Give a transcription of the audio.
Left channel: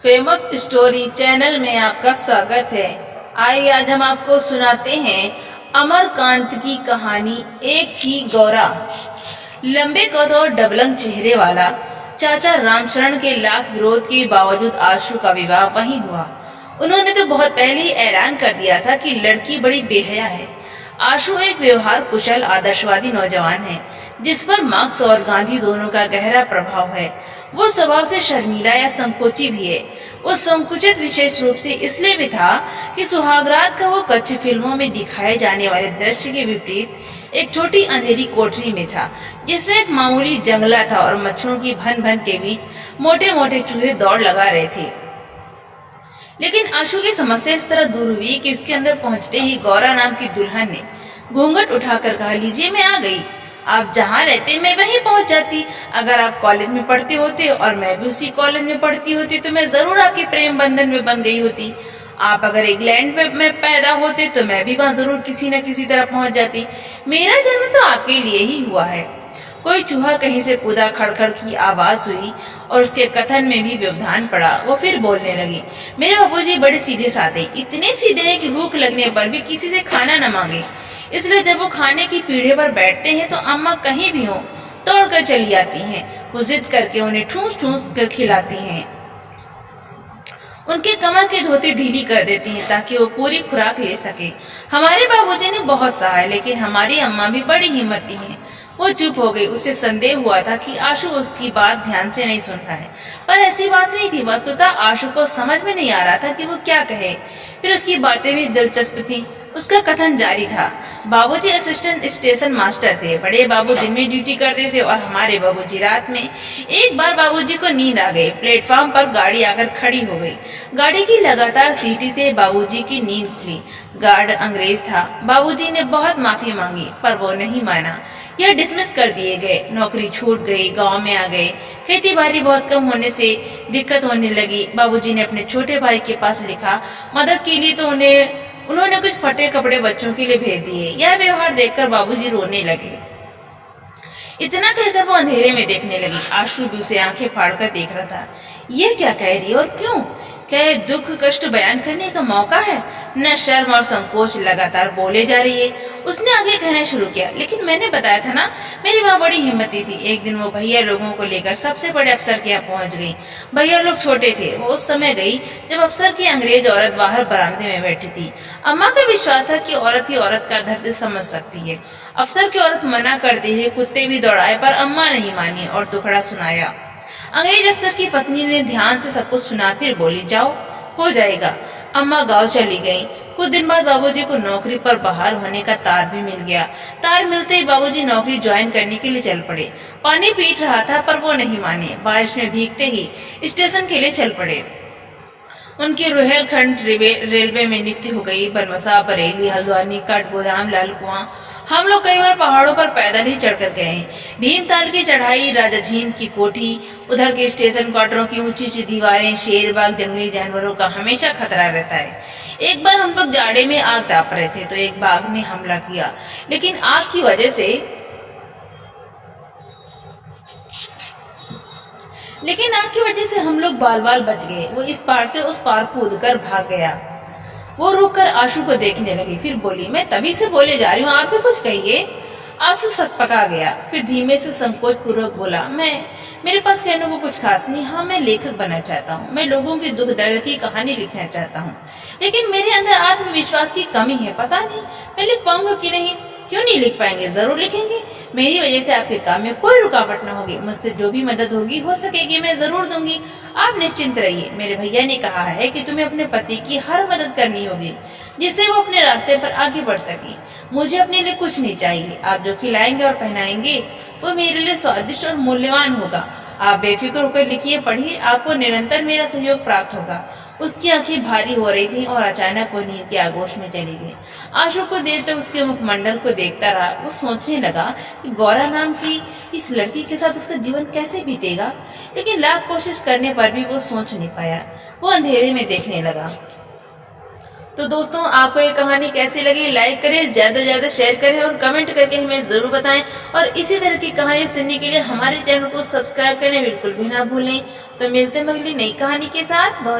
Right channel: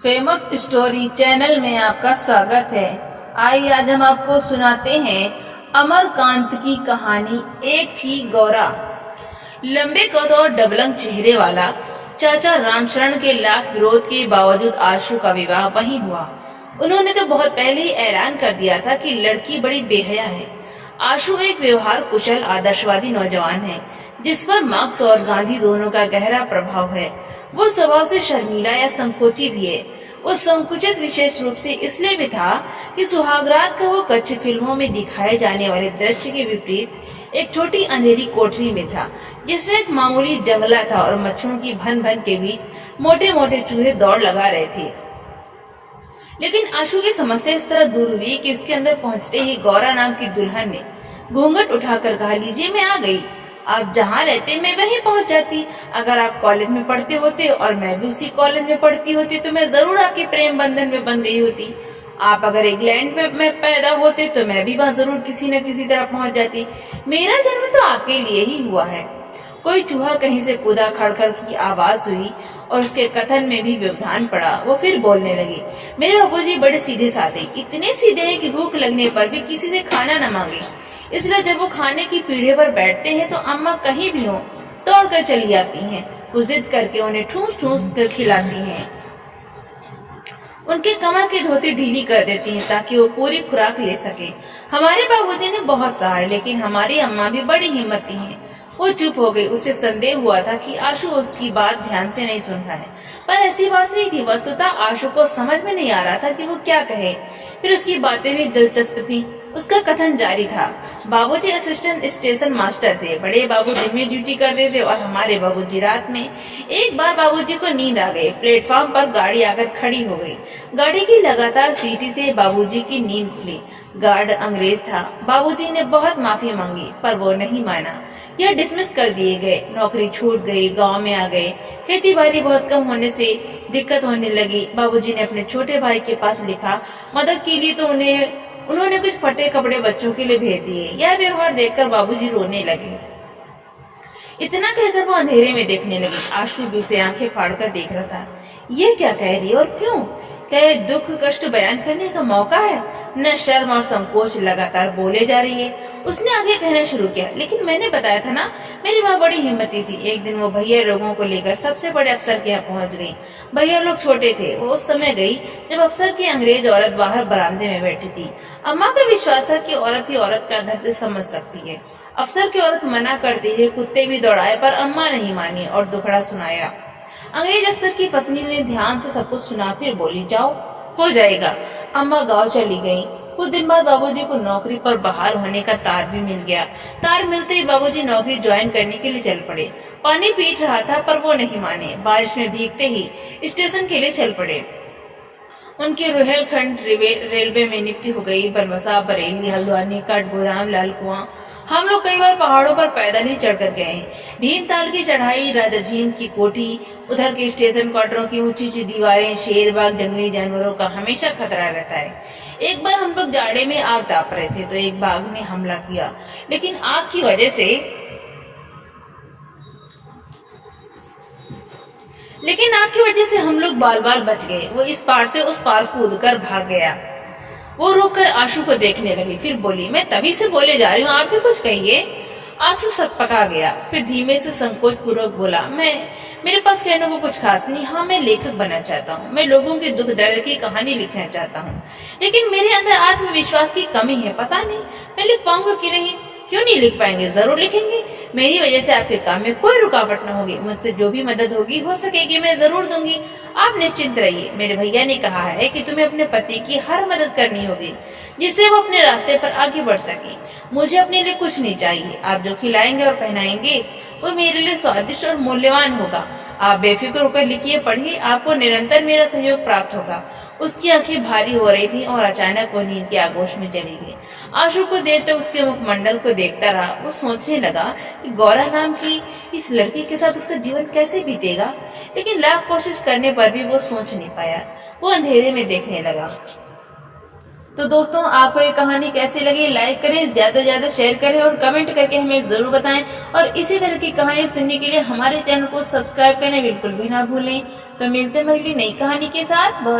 Famous story channel में आपका स्वागत है। आइए आज हम आपको सुनाते हैं अमरकांत की कहानी। एक थी गौरा। लंबे कद और डबलंग चेहरे वाला चाचा रामचरण के लाख विरोध के बावजूद आशु का विवाह वहीं हुआ। उन्होंने तो बहुत पहले ही ऐलान कर दिया था कि लड़की बड़ी बेहया है। आशु एक व्यवहार कुशल आदर्शवादी नौजवान है जिस पर मार्क्स और गांधी दोनों का गहरा प्रभाव है। वो स्वभाव से शर्मीला या संकोची भी है। वो संकुचित विशेष रूप से इसलिए भी था कि सुहागरात का वो कच्ची फिल्मों में दिखाए जाने वाले दृश्य के विपरीत एक छोटी अंधेरी कोठरी में था जिसमें एक मामूली जंगला था और मच्छरों की भन भन के बीच मोटे मोटे चूहे दौड़ लगा रहे थे। लेकिन आशु की समस्या इस तरह दूर हुई कि उसके अंदर पहुंचते ही गौरा नाम की दुल्हन ने घूंघट उठाकर कहा, लीजिए मैं आ गई। आप जहाँ रहते मैं वहीं पहुंच जाती। अगर आप कॉलेज में पढ़ते होते और मैं भी उसी कॉलेज में पढ़ती होती तो मैं जरूर आपके प्रेम बंधन में बंध गई होती। आप अगर इंग्लैंड में पैदा होते तो मैं भी वहां जरूर किसी न किसी तरह पहुंच जाती। मेरा जन्म तो आपके लिए ही हुआ है। कोई चूहा कहीं से कूदा, खड़खड़ की आवाज हुई और उसके कथन में भी व्यवधान पड़ा। वो फिर बोलने लगी, मेरे बाबूजी बड़े सीधे साधे, इतने सीधे हैं कि भूख लगने पर भी किसी से खाना न मांगे। इसलिए जब वो खाने की पीढ़े पर बैठते हैं तो अम्मा कहीं भी हो दौड़ कर चली आती हैं। वो जिद करके उन्हें ठूस ठूस कर खिलाती हैं। उनके कमर की धोती ढीली कर देती हैं ताकि वो पूरी खुराक ले सके। हमारे बाबूजी ने बहुत सहा है लेकिन हमारी अम्मा भी बड़ी हिम्मती हैं। वो चुप हो गई। उसे संदेह हुआ था कि आशु उसकी बात ध्यान से नहीं सुन रहा है, पर ऐसी बात नहीं थी। वस्तुतः आशु को समझ में नहीं आ रहा था कि वो क्या कहे। फिर उसकी बातें भी दिलचस्प थी। उसका कथन जारी था, बाबूजी असिस्टेंट स्टेशन मास्टर थे। बड़े बाबू दिन में ड्यूटी करते थे और हमारे बाबूजी रात में। एक बार बाबूजी को नींद आ गई। प्लेटफॉर्म पर गाड़ी आकर खड़ी हो गई। गाड़ी की लगातार सीटी से बाबूजी की नींद खुली। गार्ड अंग्रेज था। बाबूजी ने बहुत माफी मांगी पर वो नहीं माना। यह डिसमिस कर दिए गए। नौकरी छूट गई। गांव में आ गए। खेती बाड़ी बहुत कम होने से दिक्कत होने लगी। बाबूजी ने अपने छोटे भाई के पास लिखा मदद के लिए तो उन्होंने कुछ फटे कपड़े बच्चों के लिए भेज दिए। यह व्यवहार देखकर बाबूजी रोने लगे। इतना कहकर वो अंधेरे में देखने लगी। आशु भी उसे आंखें फाड़कर देख रहा था। यह क्या कह रही है और क्यों? क्या ये दुख कष्ट बयान करने का मौका है? न शर्म और संकोच, लगातार बोले जा रही है। उसने आगे कहना शुरू किया, लेकिन मैंने बताया था ना, मेरी माँ बड़ी हिम्मती थी। एक दिन वो भैया लोगों को लेकर सबसे बड़े अफसर के यहाँ पहुंच गई। भैया लोग छोटे थे। वो उस समय गई जब अफसर की अंग्रेज औरत बाहर बरामदे में बैठी थी। अम्मा का विश्वास था कि औरत ही औरत का दर्द समझ सकती है। अफसर की औरत मना करती है, कुत्ते भी दौड़ाए पर अम्मा नहीं मानी और दुखड़ा सुनाया। अंग्रेज अफसर की पत्नी ने ध्यान से सब कुछ सुना, फिर बोली, जाओ हो जाएगा। अम्मा गांव चली गई। कुछ दिन बाद बाबूजी को नौकरी पर बहाल होने का तार भी मिल गया। तार मिलते ही बाबूजी नौकरी ज्वाइन करने के लिए चल पड़े। पानी पीट रहा था पर वो नहीं माने। बारिश में भीगते ही स्टेशन के लिए चल पड़े। उनकी रुहेलखंड रेलवे में नियुक्ति हो गई। बनमसा, बरेली, हल्द्वानी, कठगोदाम, लालकुआं। हम लोग कई बार पहाड़ों पर पैदल ही चढ़कर गए हैं। भीमताल की चढ़ाई, राजा झींद की कोठी, उधर के स्टेशन क्वार्टरों की ऊंची ऊंची दीवारें, शेर बाग, जंगली जानवरों का हमेशा खतरा रहता है। एक बार हम लोग जाड़े में आग ताप रहे थे तो एक बाघ ने हमला किया, लेकिन आग की वजह से हम लोग बाल बाल बच गए। वो इस पार से उस पार कूद कर भाग गया। वो रुककर आशु को देखने लगी, फिर बोली, मैं तभी से बोले जा रही हूँ, आप भी कुछ कहिए। आशु सकपका गया, फिर धीमे से संकोच पूर्वक बोला, मेरे पास कहने को कुछ खास नहीं। हाँ, मैं लेखक बनना चाहता हूँ। मैं लोगों के दुख दर्द की कहानी लिखना चाहता हूँ, लेकिन मेरे अंदर आत्मविश्वास की कमी है। पता नहीं मैं लिख पाऊंगा कि नहीं। क्यों नहीं लिख पाएंगे? जरूर लिखेंगे। मेरी वजह से आपके काम में कोई रुकावट न होगी। मुझसे जो भी मदद होगी हो सकेगी मैं जरूर दूंगी। आप निश्चिंत रहिए। मेरे भैया ने कहा है कि तुम्हें अपने पति की हर मदद करनी होगी जिससे वो अपने रास्ते पर आगे बढ़ सके। मुझे अपने लिए कुछ नहीं चाहिए। आप जो खिलाएंगे और पहनाएंगे वो मेरे लिए स्वादिष्ट और मूल्यवान होगा। आप बेफिक्र होकर लिखिए, पढ़िए, आपको निरंतर मेरा सहयोग प्राप्त होगा। उसकी आंखें भारी हो रही थी और अचानक वो नींद के आगोश में चली गई। आशु कुछ देर तक उसके मुखमंडल को देखता रहा। वो सोचने लगा कि गौरा नाम की इस लड़की के साथ उसका जीवन कैसे बीतेगा, लेकिन लाख कोशिश करने पर भी वो सोच नहीं पाया। वो अंधेरे में देखने लगा तो दोस्तों आपको ये कहानी कैसी लगी, लाइक करें, ज्यादा से ज्यादा शेयर करें और कमेंट करके हमें जरूर बताएं। और इसी तरह की कहानी सुनने के लिए हमारे चैनल को सब्सक्राइब करना बिल्कुल भी ना भूलें। तो मिलते हैं अगली नई कहानी के साथ। बहुत